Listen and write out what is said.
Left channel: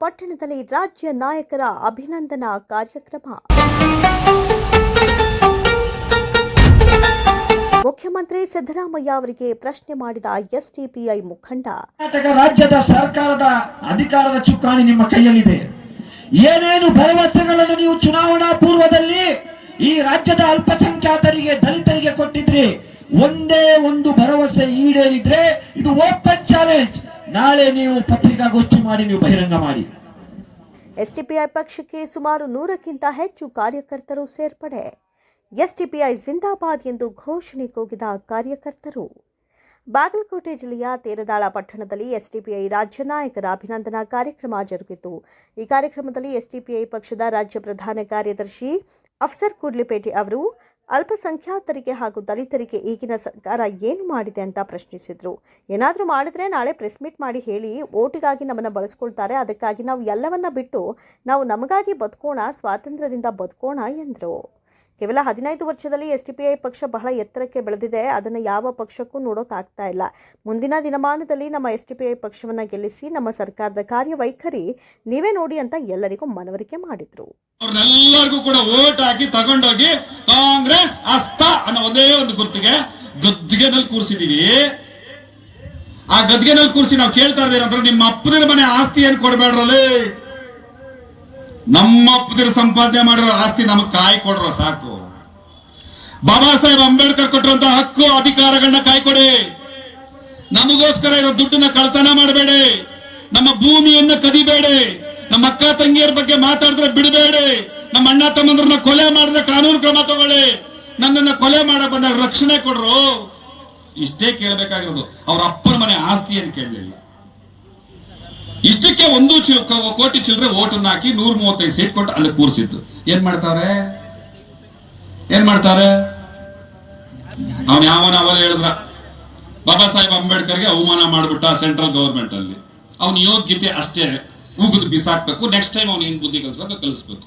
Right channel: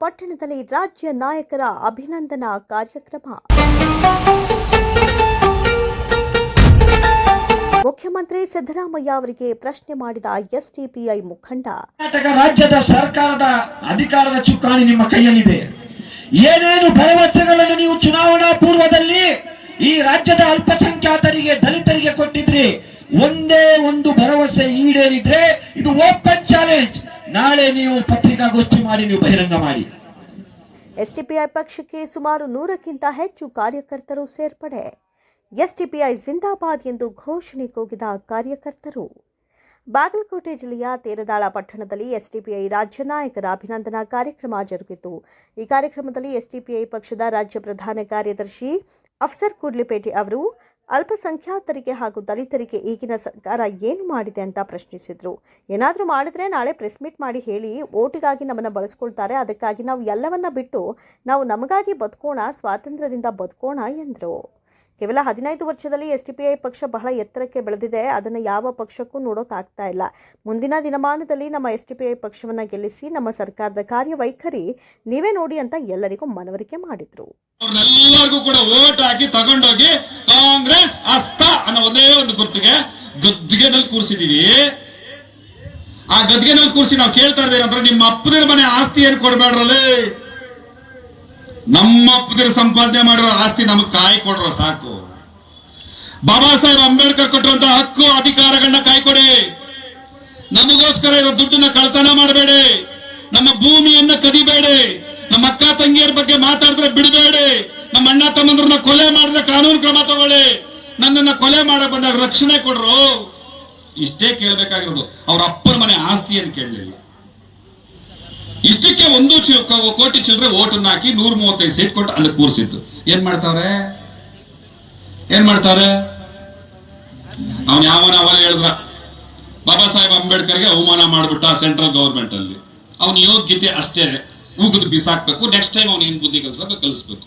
ಪಟ್ಟಣದಲ್ಲಿ ರಾಜ್ಯ ನಾಯಕರ ಅಭಿನಂದನಾ ಕಾರ್ಯಕ್ರಮ. ಮುಖ್ಯಮಂತ್ರಿ ಸಿದ್ದರಾಮಯ್ಯ ಅವರಿಗೆ ಪ್ರಶ್ನೆ ಮಾಡಿದ ಎಸ್ಡಿಪಿಐ ಮುಖಂಡ. ಕರ್ನಾಟಕ ರಾಜ್ಯದ ಸರ್ಕಾರದ ಅಧಿಕಾರದ ಚುಕ್ಕಾಣಿ ನಿಮ್ಮ ಕೈಯಲ್ಲಿದೆ. ಏನೇನು ಭರವಸೆಗಳನ್ನು ನೀವು ಚುನಾವಣಾ ಪೂರ್ವದಲ್ಲಿ ಈ ರಾಜ್ಯದ ಅಲ್ಪಸಂಖ್ಯಾತರಿಗೆ, ದಲಿತರಿಗೆ ಕೊಟ್ಟಿದ್ರಿ, ಒಂದೇ ಒಂದು ಭರವಸೆ ಈಡೇರಿದ್ರೆ ಇದು ಓಪನ್ ಚಾಲೆಂಜ್. ನಾಳೆ ನೀವು ಪತ್ರಿಕಾಗೋಷ್ಠಿ ಮಾಡಿ, ನೀವು ಬಹಿರಂಗ ಮಾಡಿ. ಎಸ್ಟಿಪಿಐ ಪಕ್ಷಕ್ಕೆ ಸುಮಾರು ನೂರಕ್ಕಿಂತ ಹೆಚ್ಚು ಕಾರ್ಯಕರ್ತರು ಸೇರ್ಪಡೆ. ಎಸ್ಟಿಪಿಐ ಜಿಂದಾಬಾದ್ ಎಂದು ಘೋಷಣೆ ಕೂಗಿದ ಕಾರ್ಯಕರ್ತರು. ಬಾಗಲಕೋಟೆ ಜಿಲ್ಲೆಯ ತೇರದಾಳ ಪಟ್ಟಣದಲ್ಲಿ ಎಸ್ಡಿಪಿಐ ರಾಜ್ಯ ನಾಯಕರ ಅಭಿನಂದನಾ ಕಾರ್ಯಕ್ರಮ ಜರುಗಿತು. ಈ ಕಾರ್ಯಕ್ರಮದಲ್ಲಿ ಎಸ್ಡಿಪಿಐ ಪಕ್ಷದ ರಾಜ್ಯ ಪ್ರಧಾನ ಕಾರ್ಯದರ್ಶಿ ಅಫ್ಸರ್ ಕೂಡ್ಲಿಪೇಟೆ ಅವರು ಅಲ್ಪಸಂಖ್ಯಾತರಿಗೆ ಹಾಗೂ ದಲಿತರಿಗೆ ಈಗಿನ ಸರ್ಕಾರ ಏನು ಮಾಡಿದೆ ಅಂತ ಪ್ರಶ್ನಿಸಿದರು. ಏನಾದರೂ ಮಾಡಿದ್ರೆ ನಾಳೆ ಪ್ರೆಸ್ ಮೀಟ್ ಮಾಡಿ ಹೇಳಿ ಓಟಿಗಾಗಿ ನಮ್ಮನ್ನು ಬಳಸ್ಕೊಳ್ತಾರೆ. ಅದಕ್ಕಾಗಿ ನಾವು ಎಲ್ಲವನ್ನ ಬಿಟ್ಟು ನಾವು ನಮಗಾಗಿ ಬದುಕೋಣ, ಸ್ವಾತಂತ್ರ್ಯದಿಂದ ಬದುಕೋಣ ಎಂದರು. ಕೇವಲ ಹದಿನೈದು ವರ್ಷದಲ್ಲಿ ಎಸ್ ಪಕ್ಷ ಬಹಳ ಎತ್ತರಕ್ಕೆ ಬೆಳೆದಿದೆ. ಅದನ್ನು ಯಾವ ಪಕ್ಷಕ್ಕೂ ನೋಡೋಕ್ಕಾಗ್ತಾ ಇಲ್ಲ. ಮುಂದಿನ ದಿನಮಾನದಲ್ಲಿ ನಮ್ಮ ಎಸ್ ಟಿ ಪಿ ಗೆಲ್ಲಿಸಿ ನಮ್ಮ ಸರ್ಕಾರದ ಕಾರ್ಯವೈಖರಿ ನೀವೇ ನೋಡಿ ಅಂತ ಎಲ್ಲರಿಗೂ ಮನವರಿಕೆ ಮಾಡಿದ್ರು. ಅವ್ರನ್ನೆಲ್ಲರಿಗೂ ಕೂಡ ಓಟ್ ಹಾಕಿ ತಗೊಂಡೋಗಿ ಕಾಂಗ್ರೆಸ್ ಅಸ್ತ ಅನ್ನೋ ಒಂದೇ ಒಂದು ಗುರ್ತಿಗೆ ಗದ್ದಿಗೆನಲ್ಲಿ ಕೂರಿಸಿದೀವಿ. ಆ ಗದ್ದಿಗೆನಲ್ಲಿ ಕೂರಿಸಿ ನಾವು ಕೇಳ್ತಾ ಇದ್ದೇವೆ ನಿಮ್ಮ ಅಪ್ಪನ ಮನೆ ಆಸ್ತಿ ಏನು ಕೊಡ್ಬೇಡ್ರಲ್ಲಿ? ನಮ್ಮ ಸಂಪಾದನೆ ಮಾಡಿರೋ ಆಸ್ತಿ ನಮಗ್ ಕಾಯಿ ಕೊಡ್ರೋ ಸಾಕು. ಬಾಬಾ ಸಾಹೇಬ್ ಅಂಬೇಡ್ಕರ್ ಕೊಟ್ಟಿರುವಂತಹ ಹಕ್ಕು ಅಧಿಕಾರಗಳನ್ನ ಕಾಯ್ಕೊಡಿ ನಮಗೋಸ್ಕರ ಇರೋ ದುಡ್ಡನ್ನ ಕಳ್ತನ ಮಾಡಬೇಡಿ. ನಮ್ಮ ಭೂಮಿಯನ್ನ ಕದಿಬೇಡಿ. ನಮ್ಮ ಅಕ್ಕ ತಂಗಿಯರ ಬಗ್ಗೆ ಮಾತಾಡಿದ್ರೆ ಬಿಡಬೇಡಿ. ನಮ್ಮ ಅಣ್ಣ ತಮ್ಮಂದ್ರನ್ನ ಕೊಲೆ ಮಾಡಿದ್ರೆ ಕಾನೂನು ಕ್ರಮ ತಗೊಳ್ಳಿ. ನನ್ನನ್ನ ಕೊಲೆ ಮಾಡ ಬಂದಾಗ ರಕ್ಷಣೆ ಕೊಡ್ರು. ಇಷ್ಟೇ ಕೇಳಬೇಕಾಗಿರೋದು. ಅವ್ರ ಅಪ್ಪನ ಮನೆ ಆಸ್ತಿ ಅಂತ ಕೇಳಲಿಲ್ಲ. ಇಷ್ಟಕ್ಕೆ ಒಂದು ಕೋಟಿ ಚಿಲ್ಲರೆ ಓಟನ್ನು ಹಾಕಿ ನೂರ ಮೂವತ್ತೈದು ಸೀಟ್ ಕೊಟ್ಟು ಅಲ್ಲಿ ಕೂರಿಸಿದ್ದು. ಏನ್ ಮಾಡ್ತಾರೆ? ಏನ್ ಮಾಡ್ತಾರೆ? ಅವನ್ ಯಾವನ ಅವಲ್ಲ ಹೇಳಿದ್ರ? ಬಾಬಾ ಸಾಹೇಬ್ ಅಂಬೇಡ್ಕರ್ಗೆ ಅವಮಾನ ಮಾಡ್ಬಿಟ್ಟ ಸೆಂಟ್ರಲ್ ಗವರ್ಮೆಂಟ್ ಅಲ್ಲಿ ಅವನ ಯೋಗ್ಯತೆ ಅಷ್ಟೇ. ಉಗಿದು ಬಿಸಾಕ್ಬೇಕು. ನೆಕ್ಸ್ಟ್ ಟೈಮ್ ಅವ್ನು ಏನ್ ಬುದ್ಧಿ ಕಲಿಸ್ಬೇಕು ಕಲಿಸ್ಬೇಕು.